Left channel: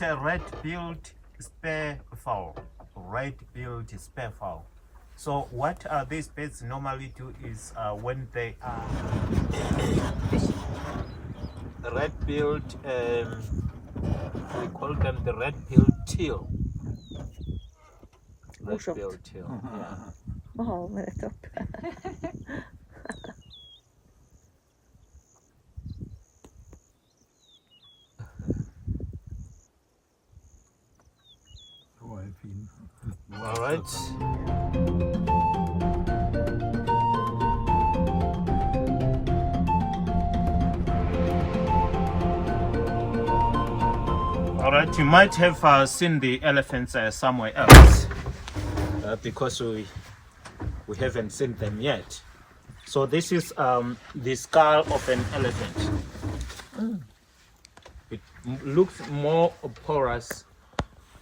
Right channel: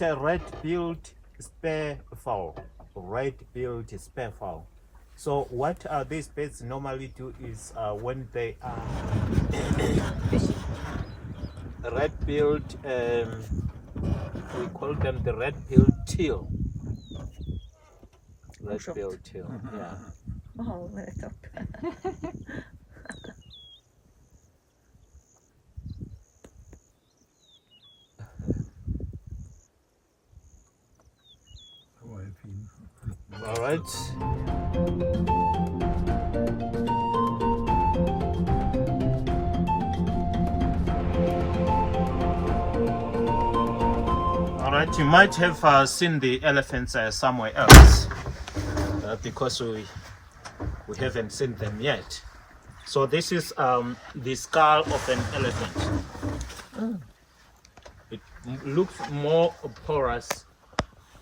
it a red-billed spearfowl. Red-billed spearfowl. So what these birds normally do is when they are red-billed, we call them the red-billed teal. Red-billed teal. Yeah. Oh, merk upp. All right. All right, you might have seen the elephants somewhere else because we haven't seen them yet. So this is the skull of an elephant. It looks more porous.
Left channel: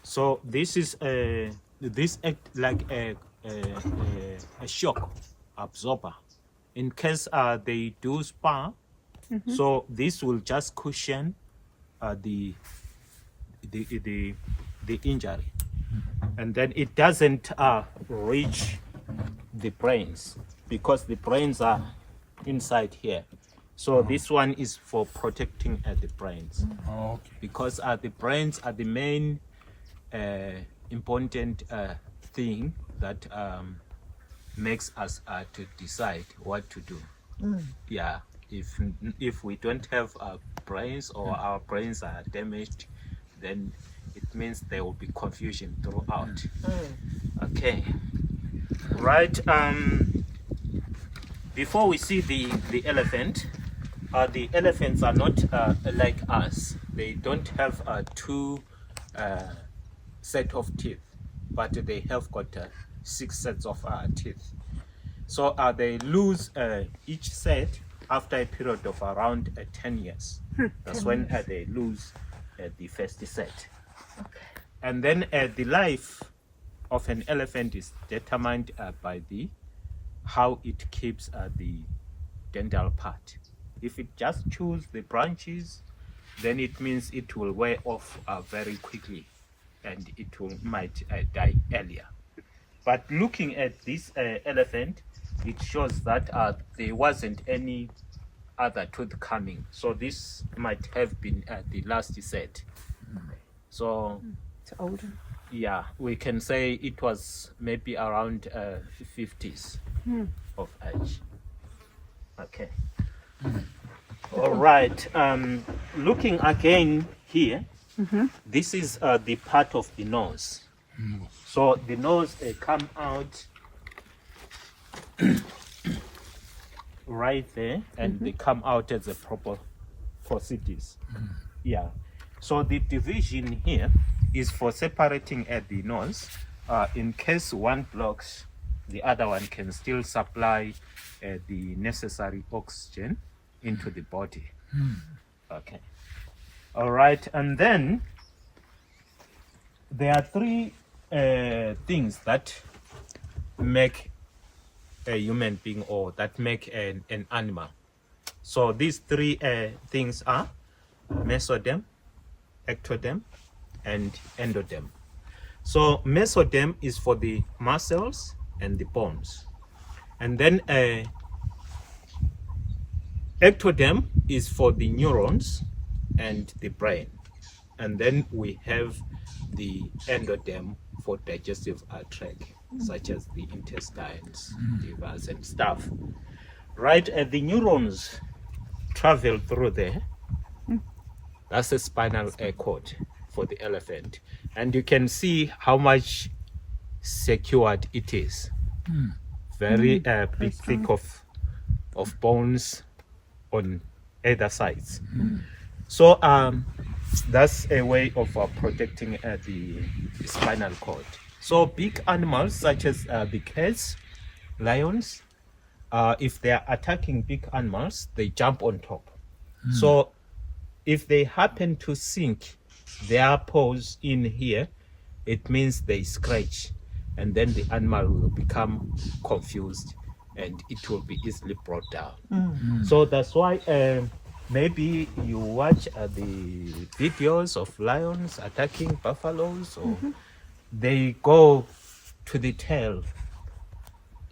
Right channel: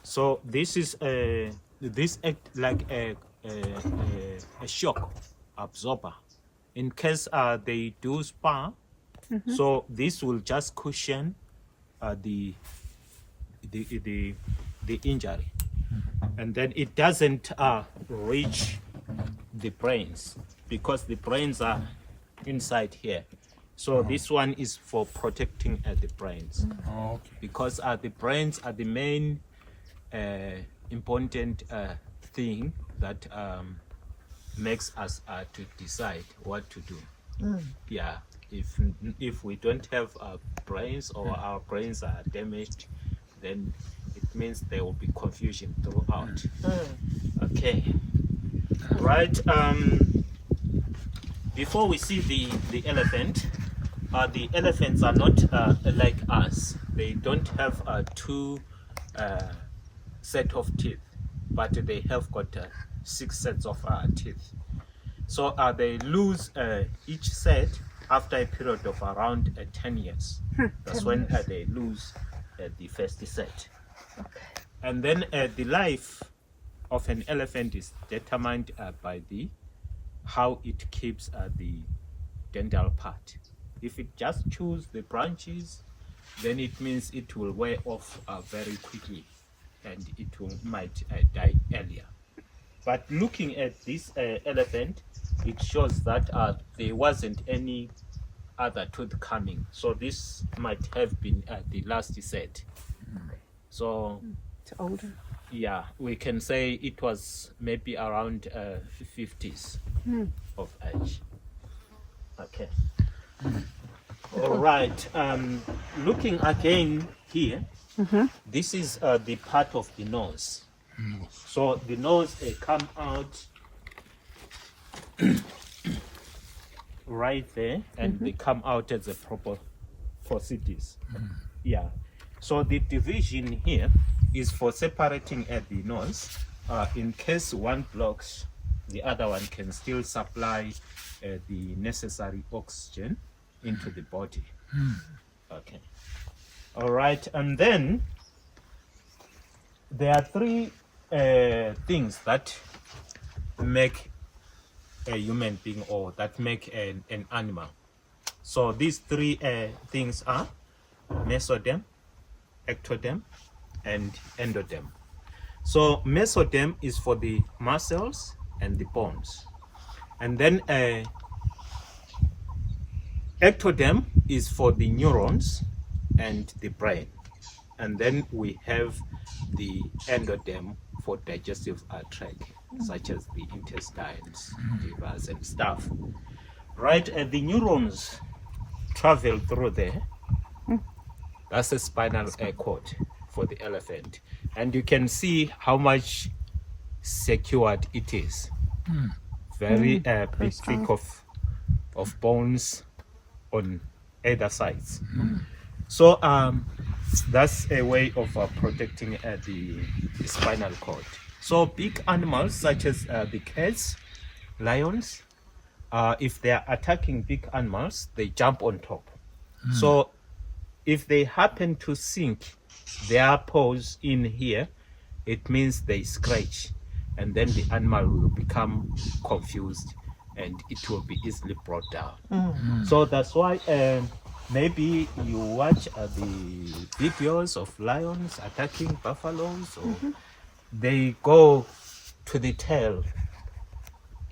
So this is this act like a shock absorber in case they do spar. So this will just cushion the injury, and then it doesn't reach the brains because the brains are inside here. So this one is for protecting the brains, because the brains are the main important thing that makes us to decide what to do. Yeah, if we don't have brains or our brains are damaged, then it means there will be confusion throughout. Okay, right. Before we see the elephant, the elephants are not like us. They don't have two set of teeth, but they have got 6 sets of teeth. So they lose each set after a period of around 10 years. That's when they lose the first set. Okay. And then the life of an elephant is determined by how it keeps the dental part. If it just chews the branches, then it means it will wear off very quickly, and it might die earlier. But looking at this elephant, it shows that there wasn't any other tooth coming. So this might have been the last set. So It's older. yeah, we can say it was maybe around 50s of age. Okay. All right. Looking again here, this is the part of the nose. So the nose come out right there, and they come out as a proper procedures. Yeah. So the division here is for separating at the nose. In case one blocks, the other one can still supply the necessary oxygen into the body. Okay. All right. And then there are 3 things that make a human being or that make an animal. So these 3 things are mesoderm, ectoderm, and endoderm. So mesoderm is for the muscles and the bones, and then ectoderm is for the neurons and the brain, and then we have the endoderm for digestive tract, such as the intestines, livers, and stuff. Right, the neurons travel through there. That's a spinal cord for the elephant, and you can see how much secured it is. Very big thick of bones on either sides. So that's a way of protecting the spinal cord. So big animals such as the cats, lions, if they are attacking big animals, they jump on top. So if they happen to sink their paws in here, it means they scratch, and then the animal will become confused and it will be easily brought down. So that's why maybe you watch the videos of lions attacking buffaloes, or they go to the tail.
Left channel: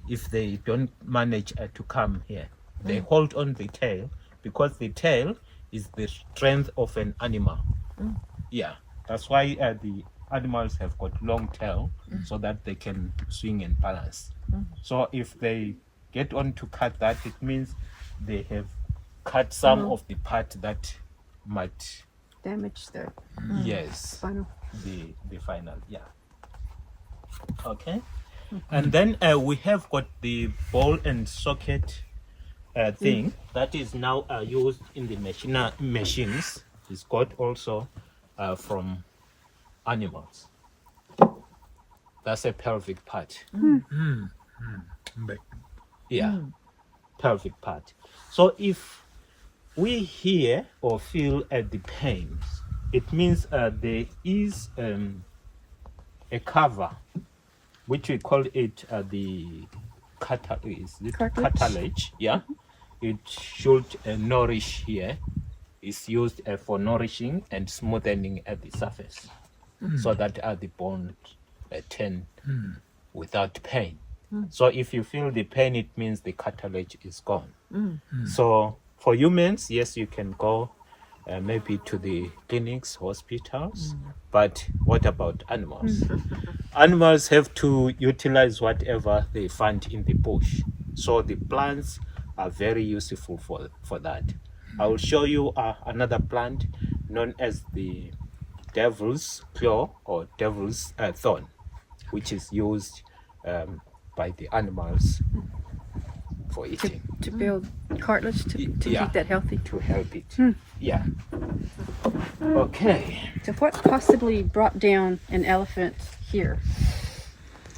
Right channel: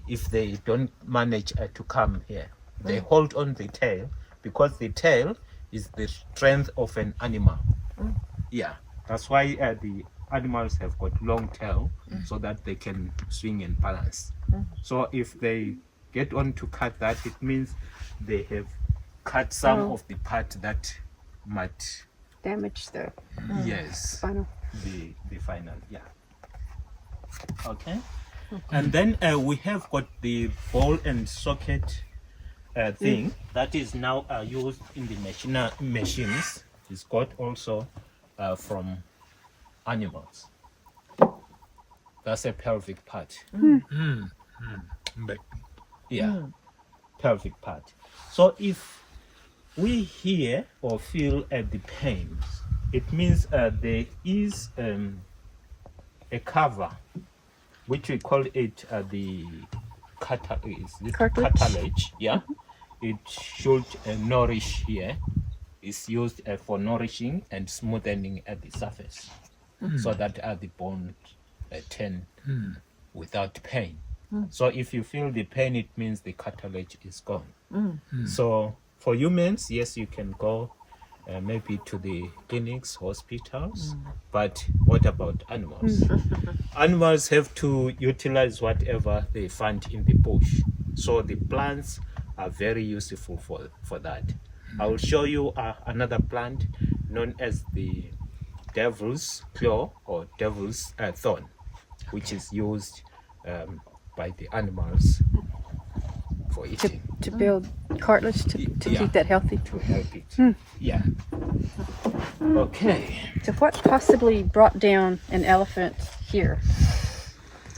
If they don't manage to come here, they hold on the tail, because the tail is the strength of an animal. Yeah, that's why the animals have got long tail, so that they can swing and balance. So if they get on to cut that, it means they have cut some of the part that might damage the yes spinal. the final. Yeah. Okay. And then we have got the ball and socket thing that is now used in the machines. It's got also from animals. That's a pelvic part. Yeah, pelvic part. So if we hear or feel the pains, it means there is a cover, which we call it the cartilage. Yeah, it should nourish here. It's used for nourishing and smoothing at the surface, so that the bone turn without pain. So if you feel the pain, it means the cartilage is gone. So for humans, yes, you can go maybe to the clinics, hospitals, but what about animals? Animals have to utilize whatever they find in the bush. So the plants are very useful for that. I will show you another plant known as the devil's claw or devil's thorn, which is used by the animals for eating. To build cartilage, to keep that healthy. To help it. Yeah. Okay. So what possibly brought down an elephant here?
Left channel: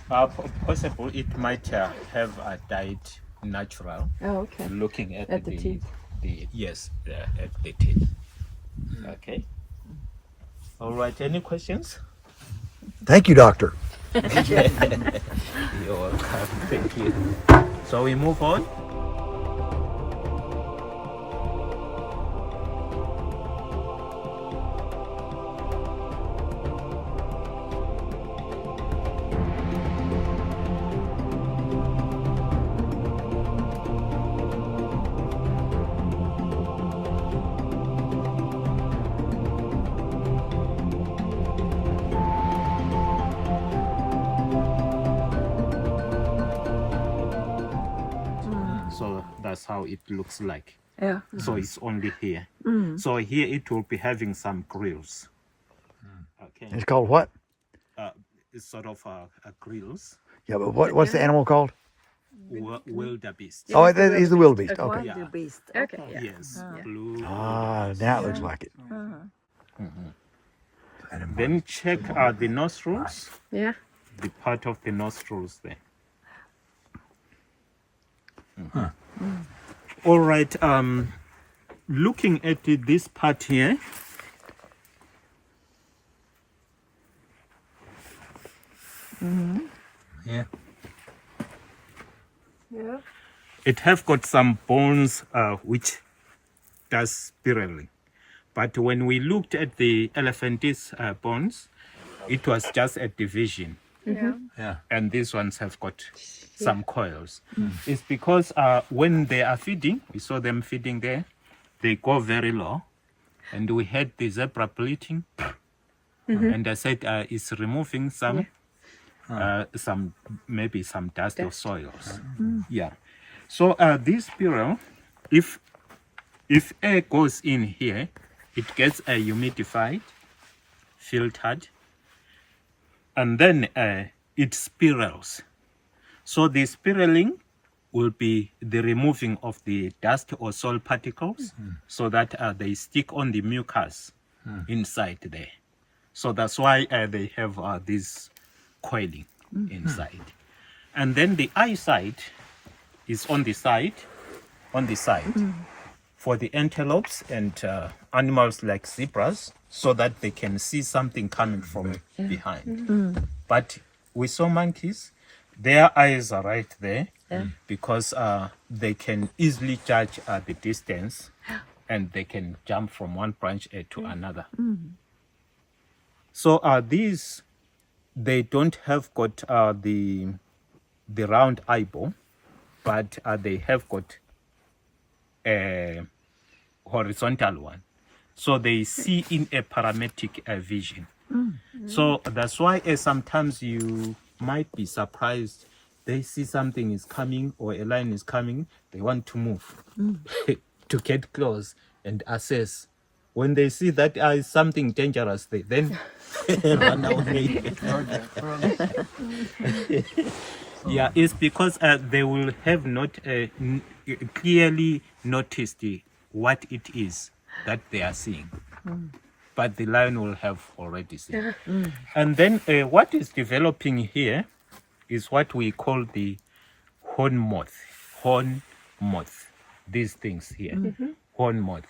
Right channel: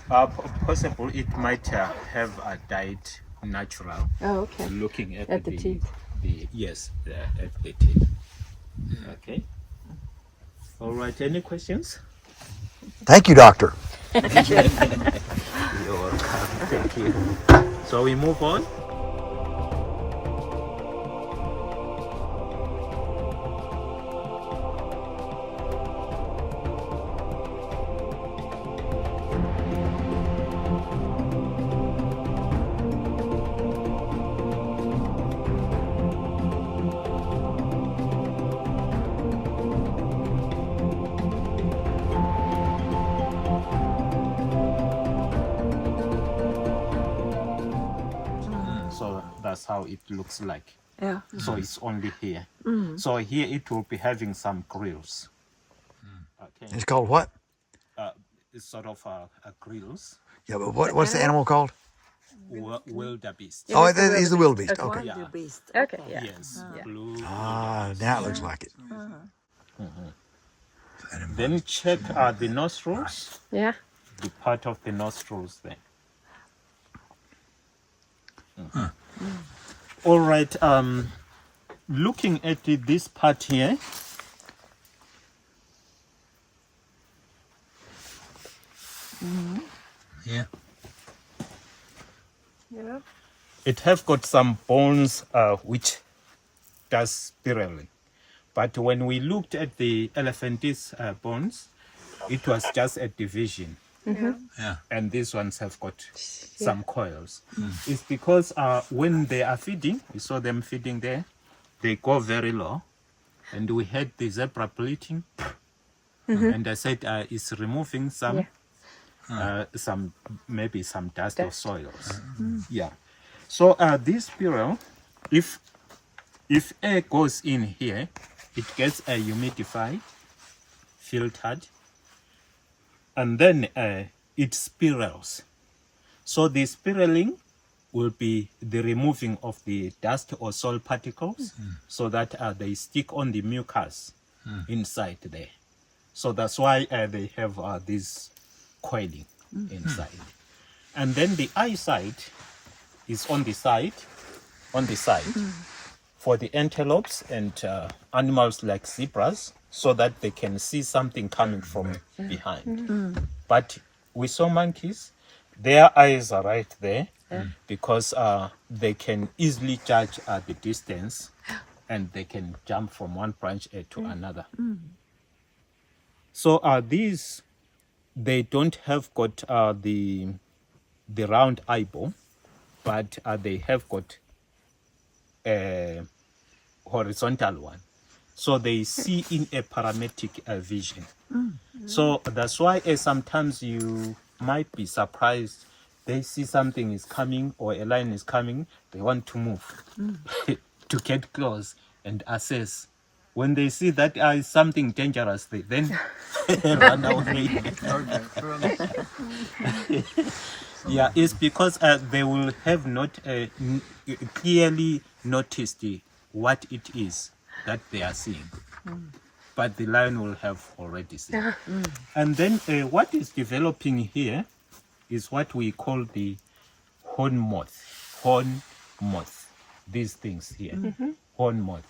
Possible it might have died natural. Oh, okay. Looking at the teeth. At the teeth. Okay. All right. Any questions? Thank you, doctor. You're welcome. Thank you. So we move on. So that's how it looks like. Yeah. So it's only here. So here it will be having some grills. Okay. It's called what? It's sort of grills. Yeah, but what's the animal called? Wildebeest. Oh, that is the wildebeest. Okay. Yeah. Okay. Yeah. Yes. Blue. Ah, now it looks like it. Then check the nostrils. Yeah. The part of the nostrils there. All right. Looking at this part here. Yeah. Yeah. It have got some bones which does spiraling. But when we looked at the elephant's bones, it was just a division. Yeah. And these ones have got some coils. It's because when they are feeding, we saw them feeding there, they go very low. And we had the zebra bleating. And I said it's removing some maybe some dust or soils. Yeah. So this spiral, if air goes in here, it gets humidified, filtered, and then it spirals. So the spiraling will be the removing of the dust or soil particles, so that they stick on the mucus inside there. So that's why they have this coiling inside. And then the eyesight is on the side, for the antelopes and animals like zebras, so that they can see something coming from behind. But we saw monkeys, their eyes are right there, because they can easily judge the distance and they can jump from one branch to another. So these, they don't have got the round eyeball, but they have got a horizontal one. So they see in a parametric vision. So that's why sometimes you might be surprised. They see something is coming or a lion is coming. They want to move to get close and assess. When they see that is something dangerous, they then run away. Yeah, it's because they will have not clearly noticed what it is that they are seeing. But the lion will have already seen. And then what is developing here is what we call the horn moth. Horn moth. These things here. Horn moth.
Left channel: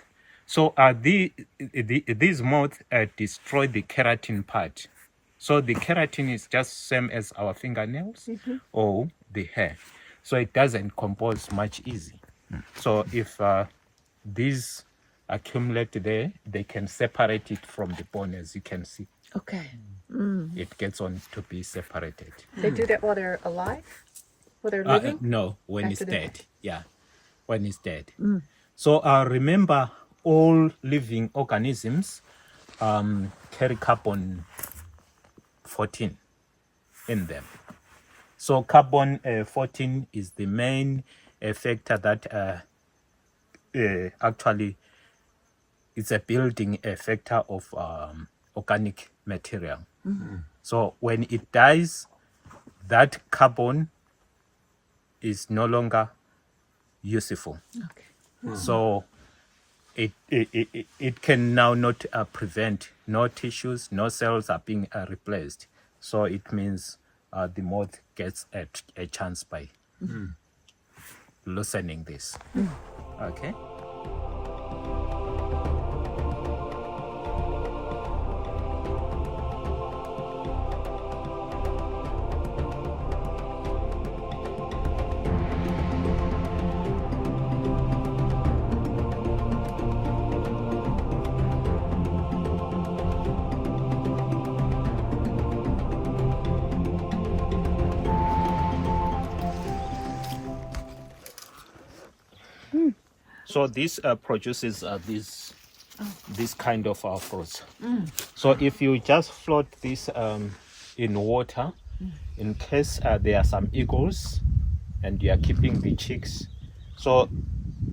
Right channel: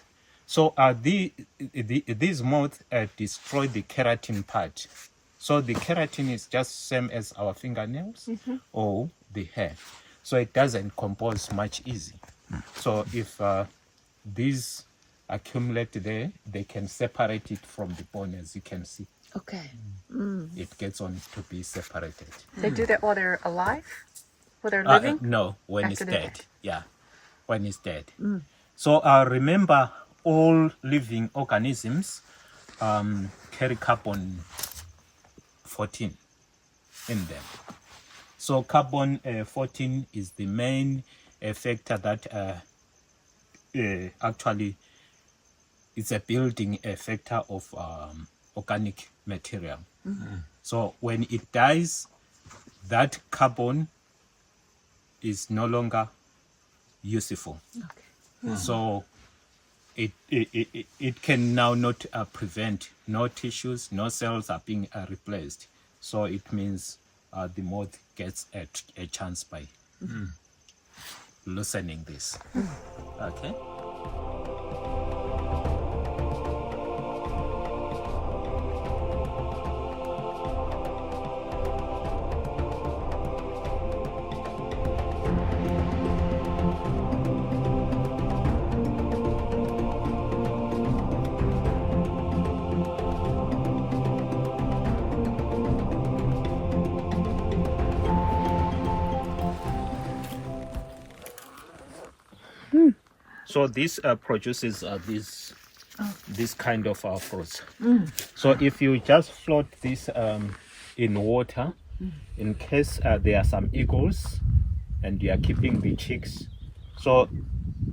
So these moths destroy the keratin part. So the keratin is just same as our fingernails or the hair. So it doesn't compose much easy. So if these accumulate there, they can separate it from the bone, as you can see. Okay. It gets on to be separated. They do that while they're alive? While they're living? No, when After it's they're dead. Yeah, when it's dead. So remember, all living organisms carry carbon 14 in them. So carbon 14 is the main factor that actually it's a building factor of organic material. So when it dies, that carbon is no longer useful. So it can now not prevent, no tissues, no cells are being replaced. So it means the moth gets a chance by loosening this. Okay. So this produces this kind of fruits. So if you just float this in water, in case there are some eagles and you are keeping the chicks, so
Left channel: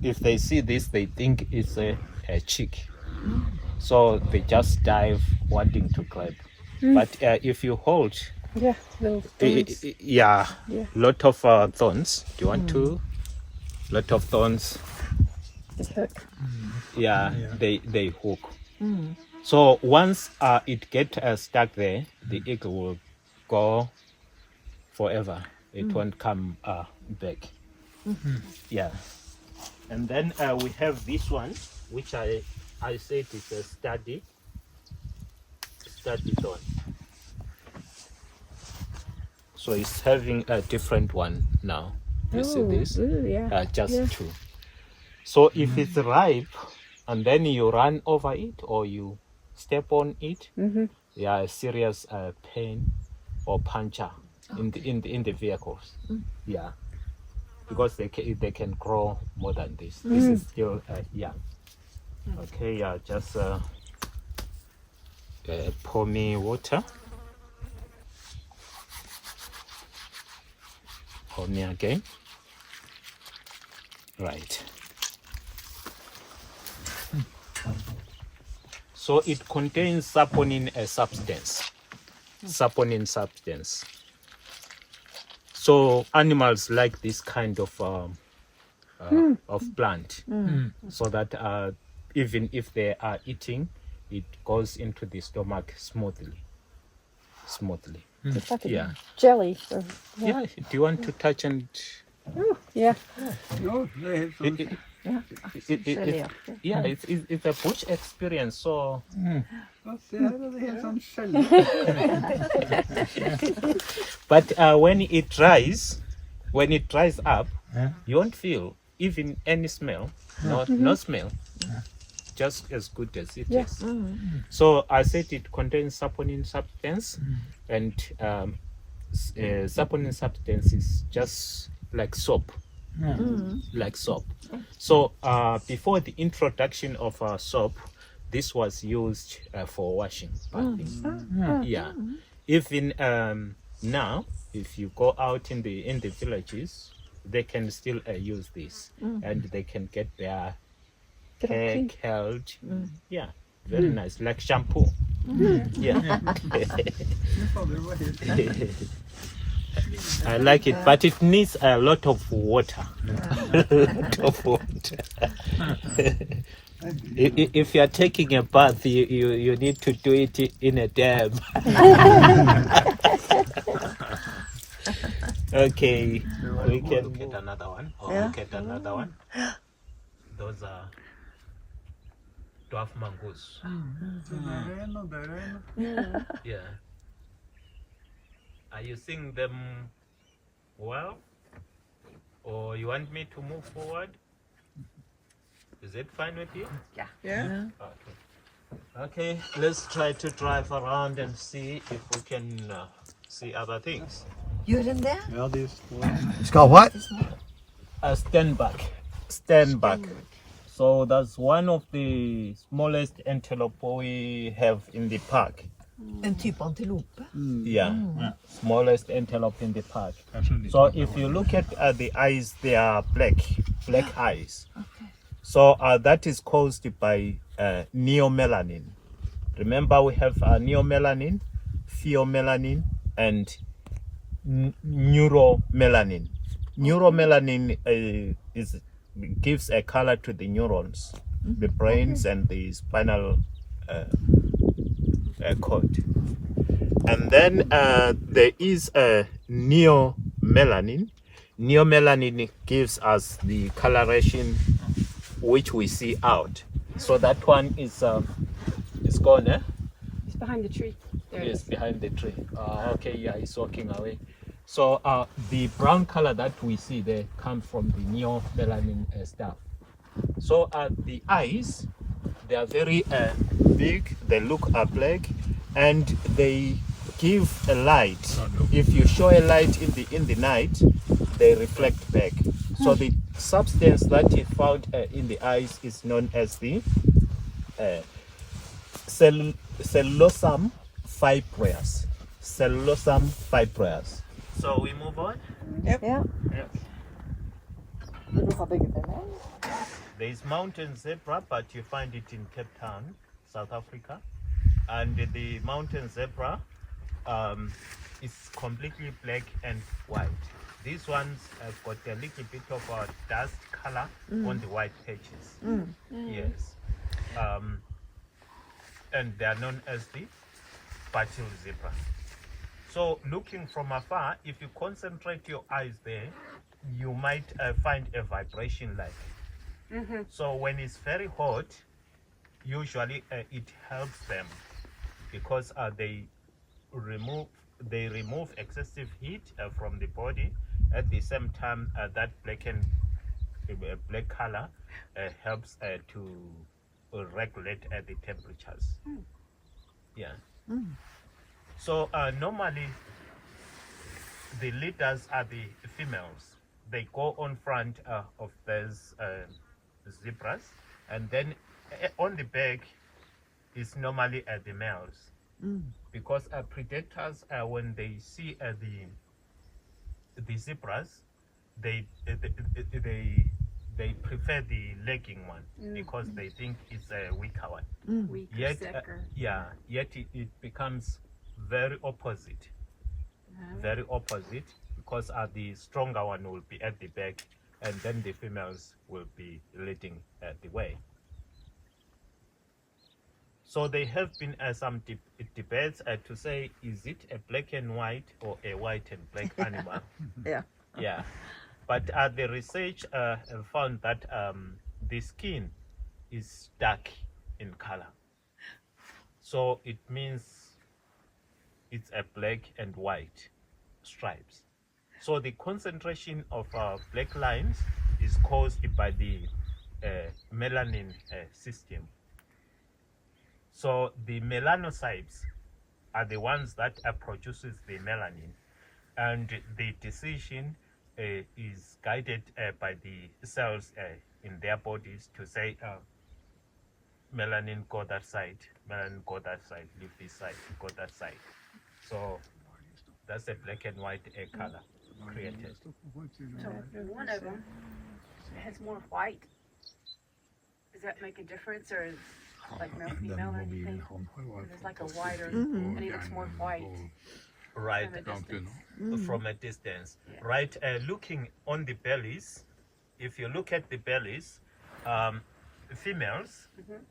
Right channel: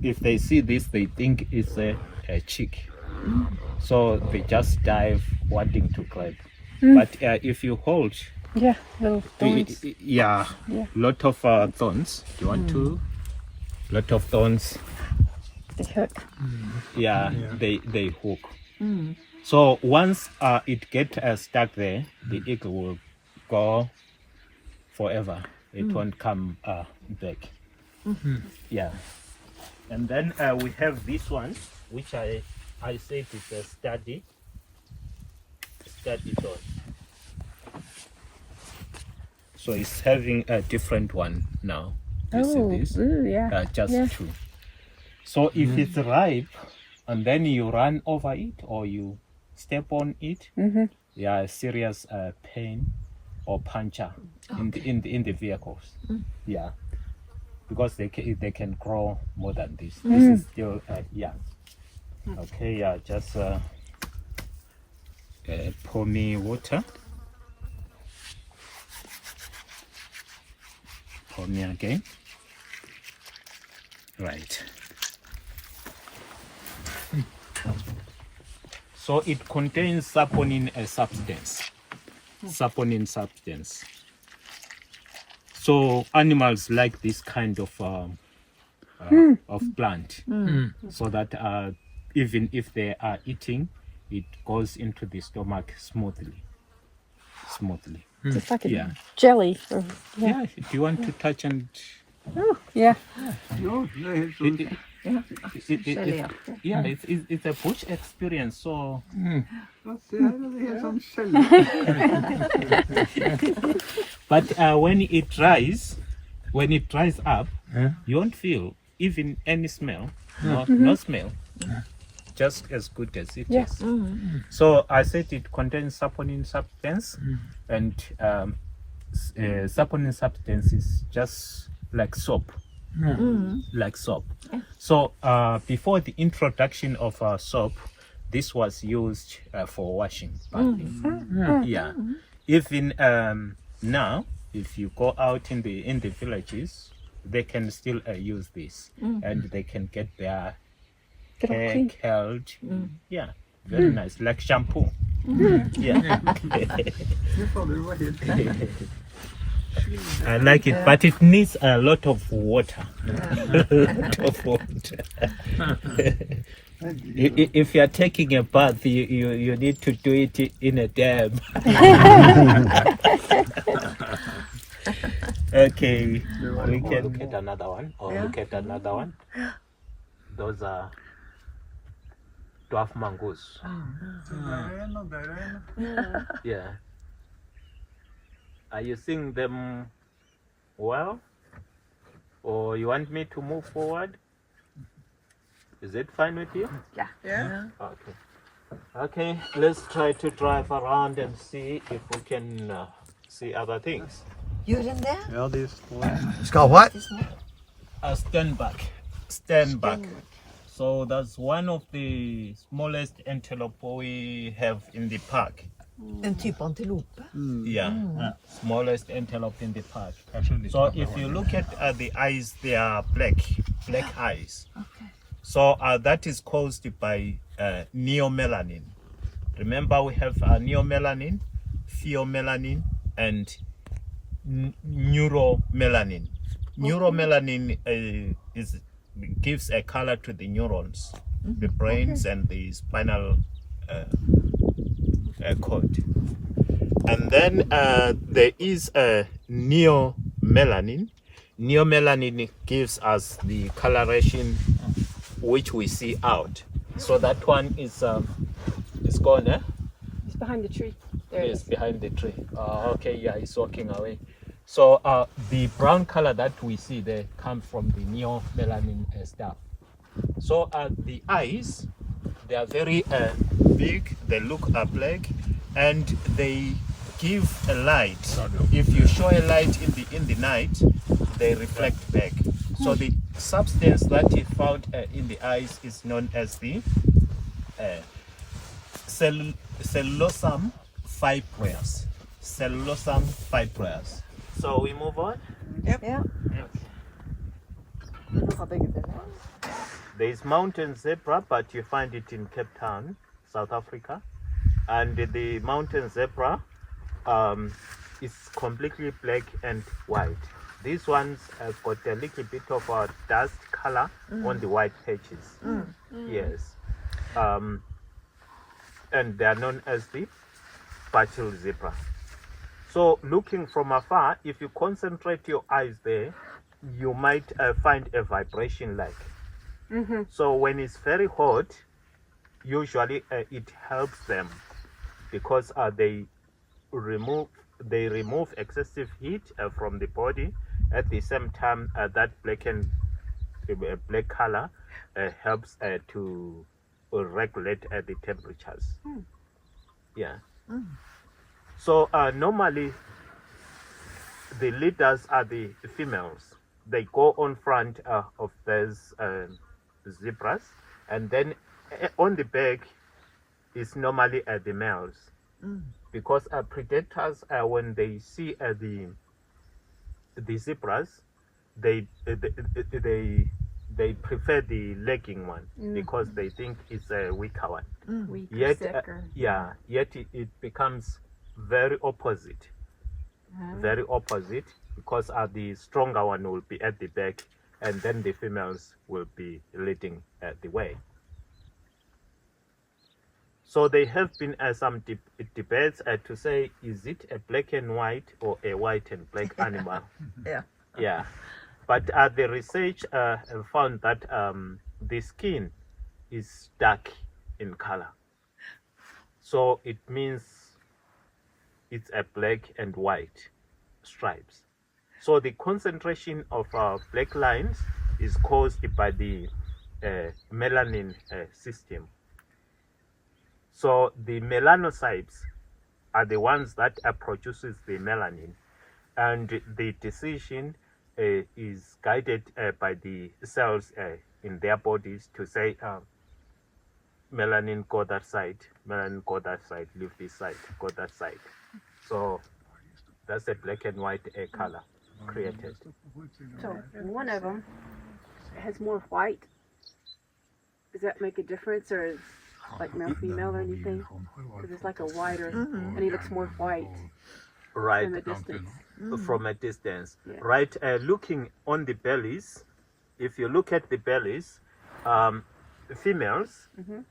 if they see this, they think it's a chick. So they just dive wanting to grab. But if you hold, little thorns. lot of thorns. Do you want to? Lot of thorns. They hook. They hook. So once it gets stuck there, the eagle will go forever. It won't come back. Yeah. And then we have this one, which I said is a study thorn. So it's having a different one now. You see this? Just two. So if it's ripe and then you run over it or you step on it, serious pain or puncture in the vehicles. Yeah, because they can grow more than this. This is still young. Okay, just pour me water. Pour me again. Right. So it contains saponin substance. Saponin substance. So animals like this kind of plant, so that even if they are eating, it goes into the stomach smoothly. It's like a jelly. Yeah. Do you want to touch and? Oh, yeah. No, they have some. It's a bush experience. So. They have some shell. But when it dries up, you won't feel even any smell. No smell. just as good as it Yes. is. So I said it contains saponin substance, and saponin substance is just like soap, like soap. So before the introduction of soap, this was used for washing, bathing. Yeah. Even now, if you go out in the villages, they can still use this, and they can get their hair curled. Yeah, very nice, like shampoo. Yeah. I like it, but it needs a lot of water. A lot of water. If you are taking a bath, you need to do it in a dam. Okay, we can get another one, or look at another one. Those are dwarf mangoes. Yeah. Are you seeing them well? Or you want me to move forward? Is it fine with you? Yeah. Okay. Okay, let's try to drive around and see if we can see other things. You're in there? Ja, det står. It's called what? Stand back. Stand back. So that's one of the smallest antelope we have in the park. En typ antilope. Yeah, smallest antelope in the park. So if you look at the eyes, they are black eyes. So that is caused by neomelanin. Remember, we have neomelanin, pheomelanin, and neuromelanin. Neuromelanin gives a color to the neurons, the brains, and the spinal cord. And then there is a neomelanin. Neomelanin gives us the coloration which we see out. So that one is gone, eh? He's behind the tree. There Yes, behind the tree. Okay, yeah, he's walking away. So the brown color that we see there comes from the neomelanin stuff. So the eyes, they are very big, they look black, and they give a light. If you show a light in the night, they reflect back. So the substance that is found in the eyes is known as the cellulosum fibres. Cellulosum fibres. So we move on. Ja. There is mountain zebra, but you find it in Cape Town, South Africa. And the mountain zebra is completely black and white. These ones have got a little bit of a dust color on the white patches. Yes. And they are known as the spatial zebra. So looking from afar, if you concentrate your eyes there, you might find a vibration like. So when it's very hot, usually it helps them because they remove excessive heat from the body. At the same time, that black color helps to regulate the temperatures. Yeah. So normally the leaders are the females. They go on front of those zebras, and then on the back is normally the males, because predators when they see the zebras, they prefer the lagging one because they think it's a weaker one. Weaker, Yet sicker. yet it becomes very opposite. Very opposite, because the stronger one will be at the back, and then the females will be leading the way. So there have been some debates to say, is it a black and white or a white and black animal? Yeah. Yeah. But the research found that the skin is dark in color. So it means it's a black and white stripes. So the concentration of black lines is caused by the melanin system So the melanocytes are the ones that produces the melanin, and the decision is guided by the cells in their bodies to say, melanin go that side, melanin go that side, leave this side, go that side. So that's a black and white color created. So one of them has more white. Does that make a difference, or is like male, female, or anything? Because it's like a whiter, and he looks more white Right. from a distance. From a distance. Yeah. Right, looking on the bellies, if you look at the bellies, females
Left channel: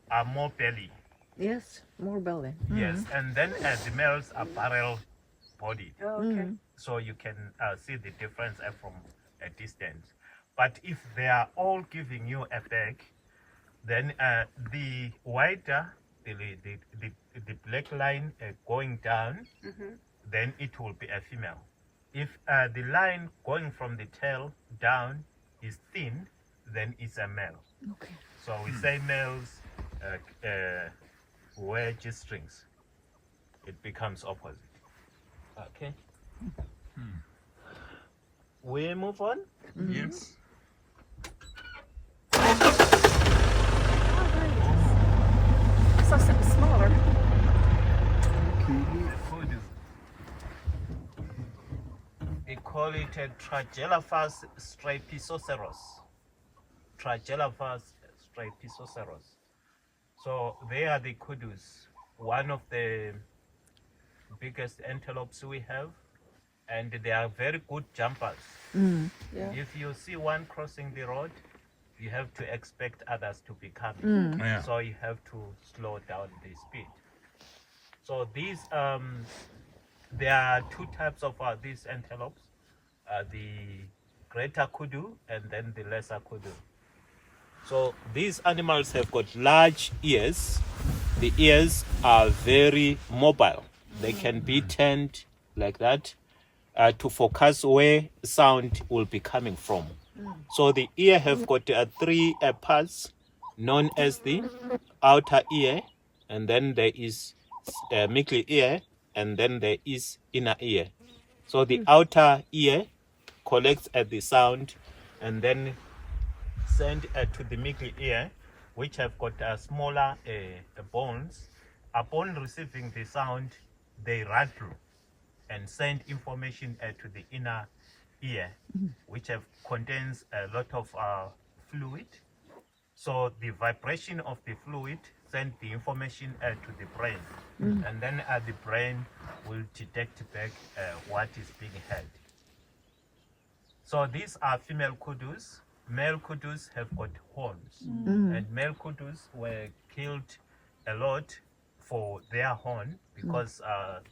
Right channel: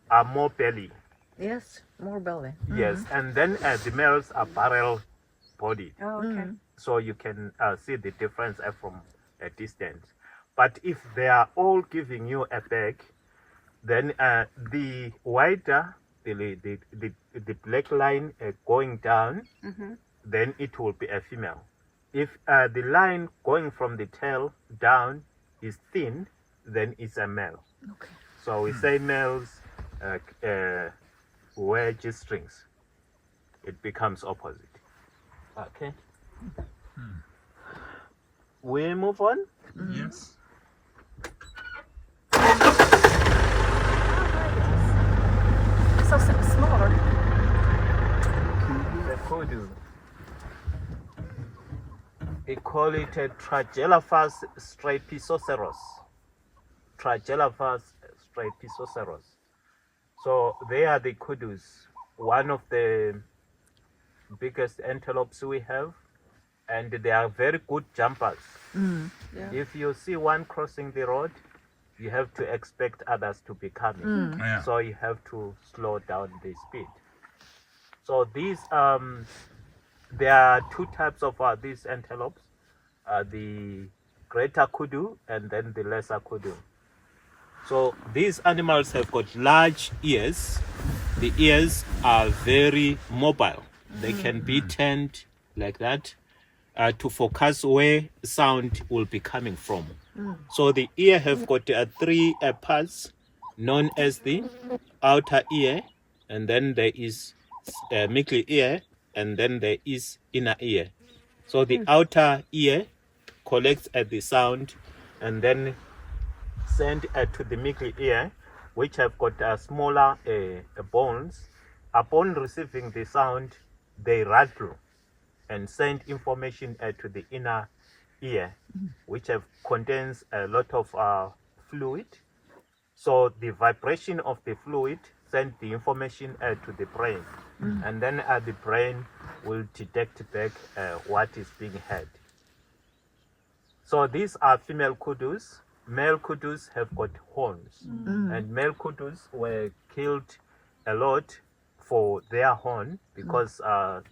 are more belly. Yes, more belly. Yes, and then the males are barrel bodied. Oh, okay. So you can see the difference from a distance. But if they are all giving you a bag, then the wider the black line going down, then it will be a female. If the line going from the tail down is thin, then it's a male. Okay. So we say males wear G-strings. It becomes opposite. Okay. We move on. Yes. So smaller. The code is, we call it a Tragelaphus stripisoceros. Tragelaphus stripisoceros. So they are the kudus, one of the biggest antelopes we have, and they are very good jumpers. If you see one crossing the road, you have to expect others to be coming. Yeah. So you have to slow down the speed. So these, there are two types of these antelopes, the greater kudu and then the lesser kudu. So these animals have got large ears. The ears are very mobile. They can be turned like that to focus where sound will be coming from. So the ear have got three parts known as the outer ear, and then there is middle ear, and then there is inner ear. So the outer ear collects the sound and then send to the middle ear, which have got smaller bones. Upon receiving the sound, they rattle and send information to the inner ear, which contains a lot of fluid. So the vibration of the fluid send the information to the brain, and then the brain will detect back what is being heard. So these are female kudus. Male kudus have got horns, and male kudus were killed a lot for their horn because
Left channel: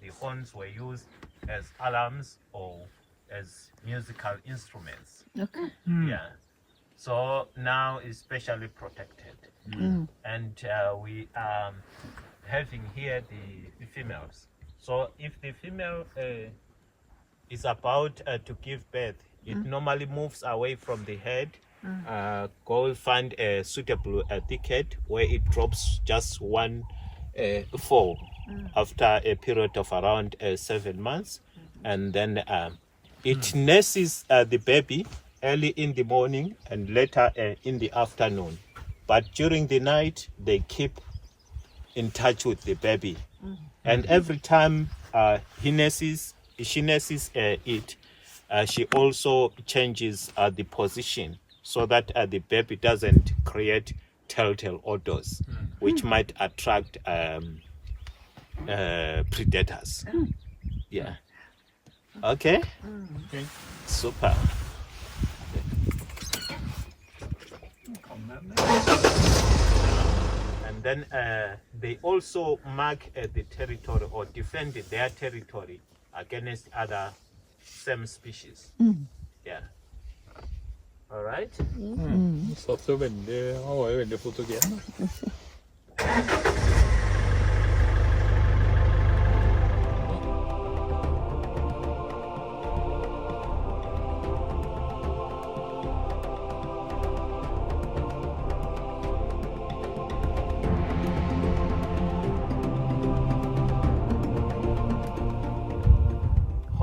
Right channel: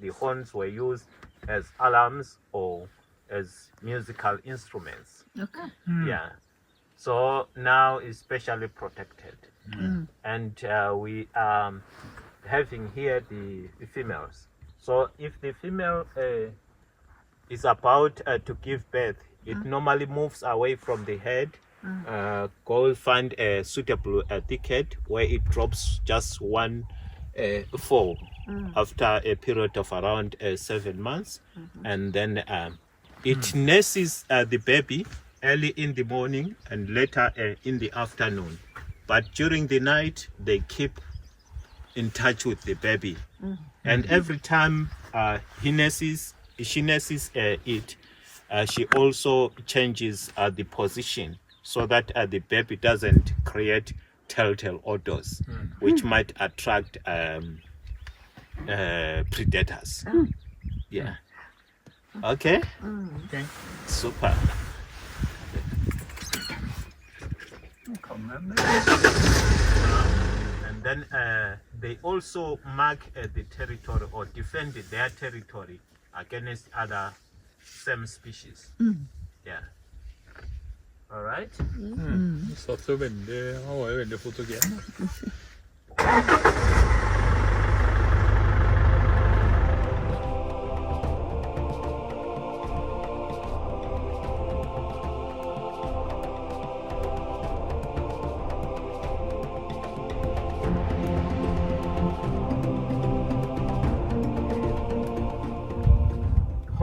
the horns were used as alarms or as musical instruments. Okay. Yeah. So now it's specially protected. And we are having here the females. So if the female is about to give birth, it normally moves away from the head, go find a suitable thicket where it drops just one fall after a period of around 7 months, and then it nurses the baby early in the morning and later in the afternoon. But during the night, they keep in touch with the baby. And every time she nurses it, she also changes the position so that the baby doesn't create telltale odors, which might attract predators. Yeah. Okay. Okay. Super. And then they also mark the territory or defend their territory against other same species. Yeah. All right. Satt jo veldig, han var jo veldig fotogen.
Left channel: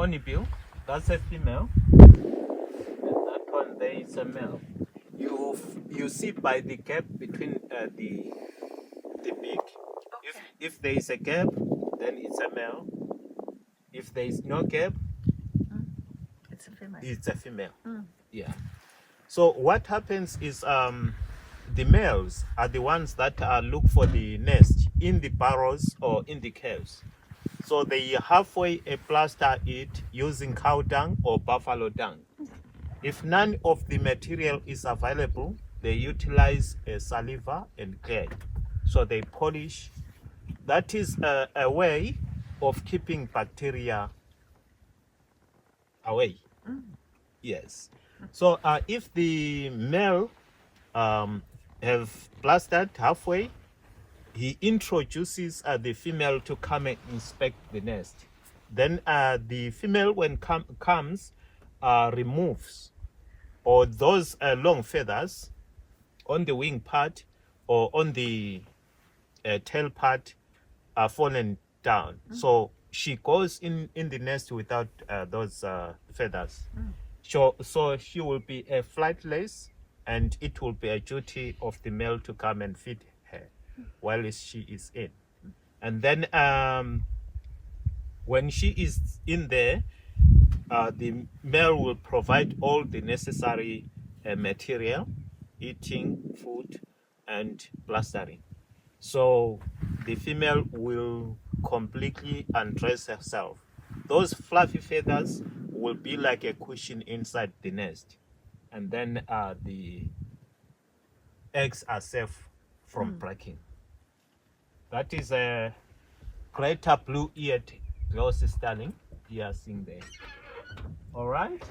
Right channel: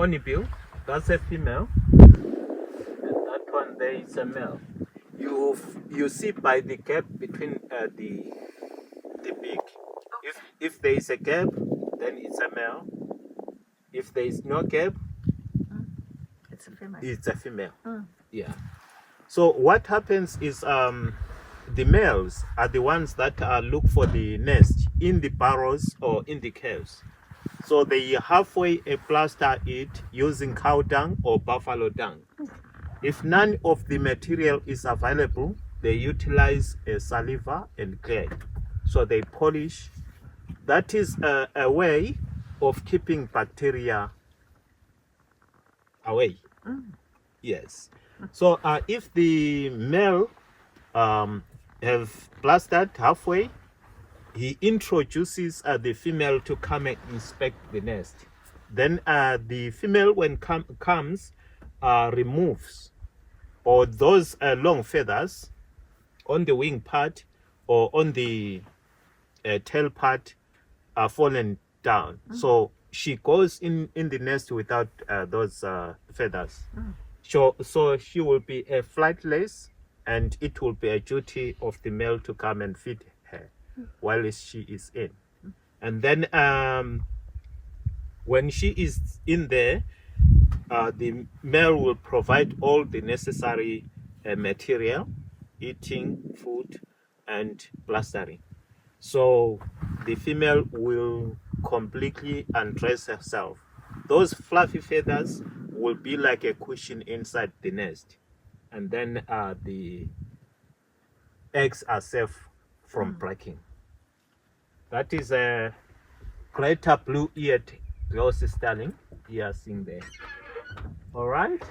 honeybill, that's a female. And that one there is a male. You see by the gap between the beak. If there is a gap, then it's a male. If there is no gap, It's a female. it's a female. Mm. Yeah. So what happens is the males are the ones that look for the nest in the burrows or in the caves. So they halfway plaster it using cow dung or buffalo dung. If none of the material is available, they utilize saliva and clay. So they polish. That is a way of keeping bacteria away. Yes. So if the male have plastered halfway, he introduces the female to come and inspect the nest. Then the female, when comes, removes or those long feathers on the wing part or on the tail part are fallen down. So she goes in the nest without those feathers. So she will be flightless, and it will be a duty of the male to come and feed her while she is in. And then when she is in there, the male will provide all the necessary material, eating, food, and plastering. So the female will completely undress herself. Those fluffy feathers will be like a cushion inside the nest. And then the eggs are safe from breaking. That is a greater blue-eared Gloucester starling. You are seeing there. All right.